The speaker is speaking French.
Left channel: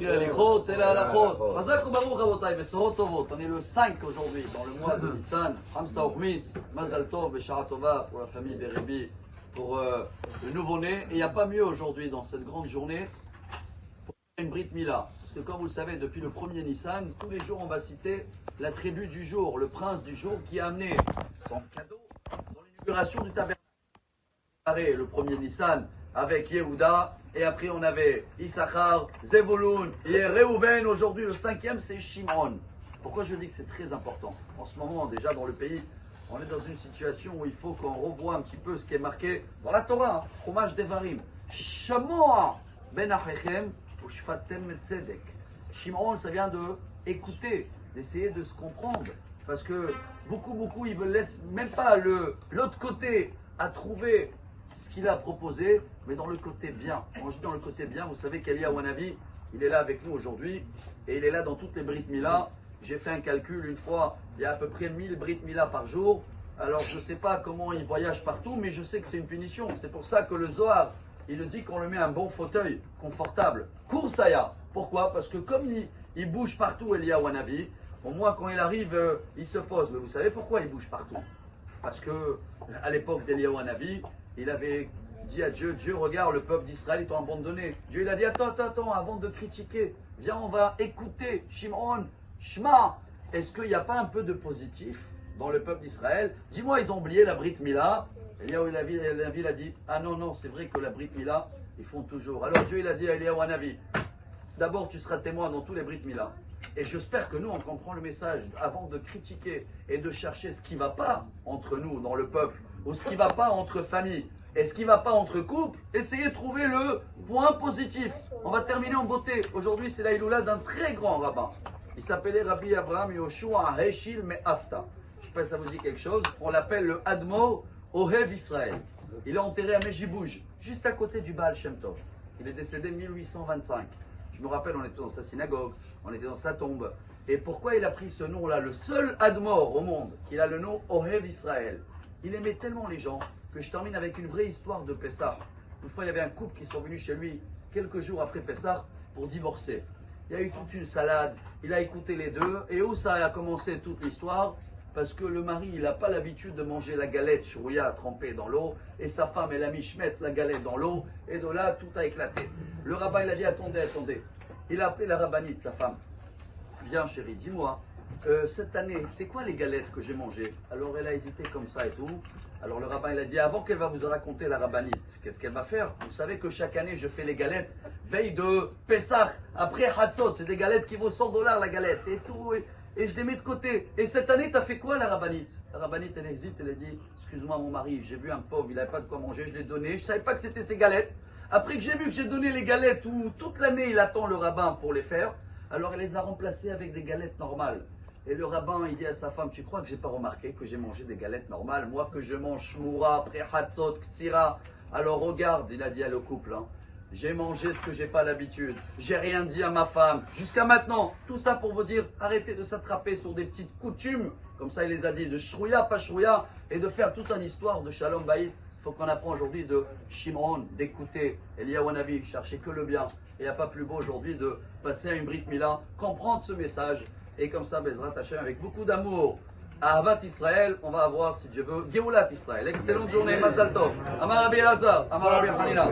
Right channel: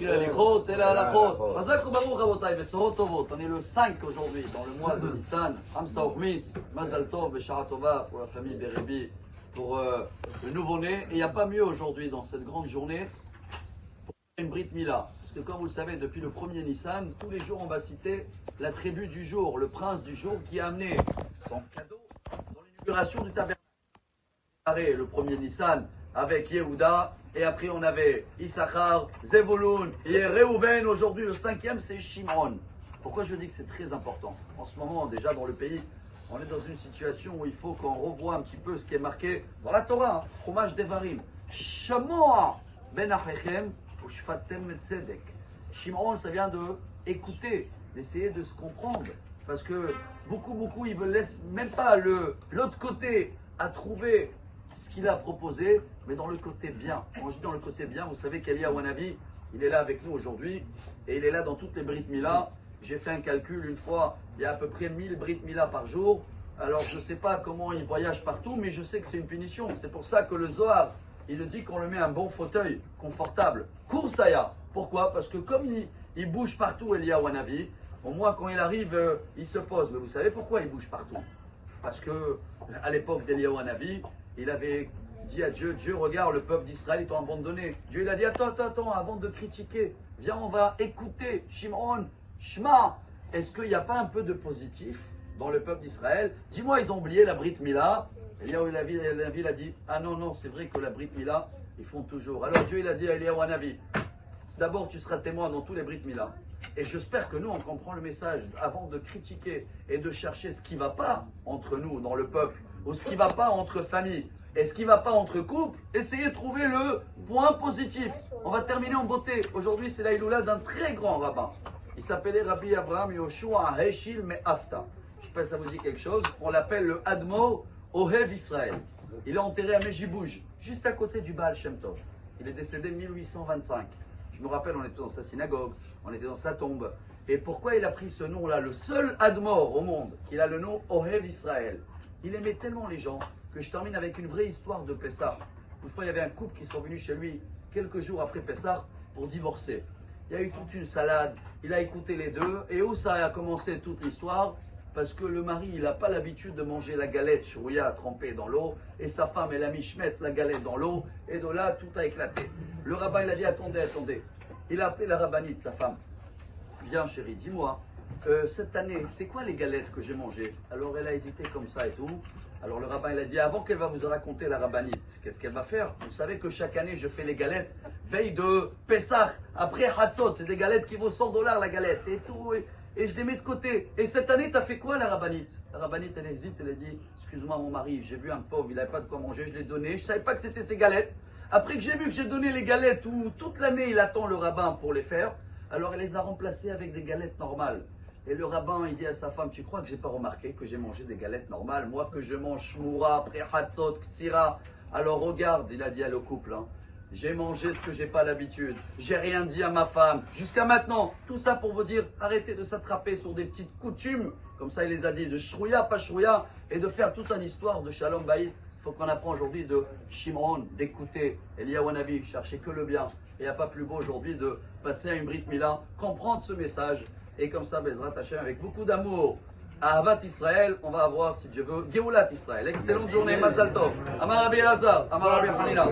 On est le 5 aujourd'hui, dans le mois de Nissan. Hamsa Ochmis, Mazal Tov, Beshara Tova pour la famille Berebi, pour le nouveau-né. Et il n'y a pas mieux aujourd'hui, dans cette grande journée, pour une Brit Mila. Parce que comme vous le savez, depuis le premier Nissan, tous les jours on va citer la tribu du jour, le prince du jour qui a amené son cadeau dans l'inauguration du tabernacle. Le premier Nissan avec Yehuda, et après on avait Issachar, Zevulun et Reuven. Aujourd'hui le cinquième c'est Shimon. Pourquoi je dis que c'est très important? En ce moment déjà dans le pays, on est dans une situation où il faut qu'on revoie un petit peu ce qui est marqué dans la Torah, Chumash Devarim. Shamoa ben achechem ushfatem tzedek. Shimon, ça vient de écouter, d'essayer de se comprendre, parce que beaucoup ils ne laissent même pas l'autre côté à trouver ce qu'il a proposé, mais dans le côté bien. Quand je dis dans le côté bien, vous savez qu'Eliyahu Hanavi, il est là avec nous aujourd'hui, et il est là dans toutes les Brit Mila. J'ai fait un calcul une fois, il y a à peu près 1000 Brit Mila par jour. Alors je ne sais pas comment il voyage partout, mais je sais que c'est une punition. C'est pour ça que le Zohar, il dit qu'on lui met un bon fauteuil, confortable. Koursaya. Pourquoi? Parce que comme il bouge partout, Eliyahu Hanavi, au moins quand il arrive, il se pose. Mais vous savez pourquoi il bouge partout? Parce que à l'époque d'Eliyahu Hanavi, il avait dit à Dieu, Dieu regarde, le peuple d'Israël, ils t'ont abandonné. Dieu il a dit, attends, avant de critiquer, viens on va écouter, Shimon, Shema. Est-ce qu'il n'y a pas un peu de positif dans le peuple d'Israël? Dis-moi, ils ont oublié la Brit Mila. Eliyahu Hanavi a dit, ah non, c'est vrai que la Brit Mila, ils font toujours. Alors Dieu il a dit à Eliyahu Hanavi, d'abord tu seras témoin dans tous les Brit Mila. Et j'espère que nous, on comprend le message avant de critiquer et de chercher ce qui ne va pas entre nous, dans le peuple, ou ce qui ne va pas entre familles, et ce qui ne va pas entre couples, essayez de trouver le point positif. On va terminer en beauté. Aujourd'hui, c'est la Iloula d'un très grand rabbin. Il s'appelait Rabbi Avraham Yoshua Heshil Me'afta. Je ne sais pas si ça vous dit quelque chose. On l'appelle le Admor Ohev Israël. Il est enterré à Mejibouj, juste à côté du Baal Shem Tov. Il est décédé en 1825. Je me rappelle, on était dans sa synagogue, on était dans sa tombe. Et pourquoi il a pris ce nom-là? Le seul Admor au monde qui a le nom Ohev Israël. Il aimait tellement les gens que je termine avec une vraie histoire de Pessah. Une fois, il y avait un couple qui sont venus chez lui quelques jours après Pessah pour divorcer. Il y a eu toute une salade, il a écouté les deux. Et où ça a commencé toute l'histoire? Parce que le mari, il n'a pas l'habitude de manger la galette chouïa trempée dans l'eau. Et sa femme, elle a mis la galette dans l'eau. Et de là, tout a éclaté. Le rabbin, il a dit, attendez. Il a appelé la rabbinite, sa femme. Viens chérie, dis-moi, cette année, c'est quoi les galettes que j'ai mangées? Alors elle a hésité comme ça et tout. Alors le rabbin il a dit, avant qu'elle va vous raconter la rabbinite, qu'est-ce qu'elle va faire? Vous savez que chaque année je fais les galettes, veille de Pessah, après Hatzot, c'est des galettes qui vaut 100 $ la galette et tout, et je les mets de côté. Et cette année, t'as fait quoi la rabbinite? La rabbinite elle hésite, elle a dit, excuse-moi mon mari, j'ai vu un pauvre, il n'avait pas de quoi manger, je l'ai donné, je ne savais pas que c'était ses galettes. Après que j'ai vu que j'ai donné les galettes où toute l'année il attend le rabbin pour les faire, alors elle les a remplacées avec des galettes normales. Et le rabbin, il dit à sa femme, tu crois que j'ai pas remarqué que j'ai mangé des galettes normales? Moi que je mange shmoura, après hatzot, ktira. Alors regarde, il a dit à le couple, hein, j'ai mangé ce que j'ai pas l'habitude. J'ai rien dit à ma femme. Jusqu'à maintenant, tout ça pour vous dire, arrêtez de s'attraper sur des petites coutumes. Comme ça, il les a dit, de shrouya, pas shrouya, et de faire toute une histoire de shalom baït. Il faut qu'on apprend aujourd'hui de Shimon, d'écouter Eliyahu Hanavi, chercher que le bien. Et il n'y a pas plus beau aujourd'hui de passer à une Brit Mila, comprendre ce message. Et comme ça, Bezrat Hashem, avec beaucoup d'amour, à Ahavat Israël, on va avoir, si Dieu veut, Geulat Israël. Excellente journée, Mazal Tov. Amar Rabbi Elazar, Amar Rabbi Hanina.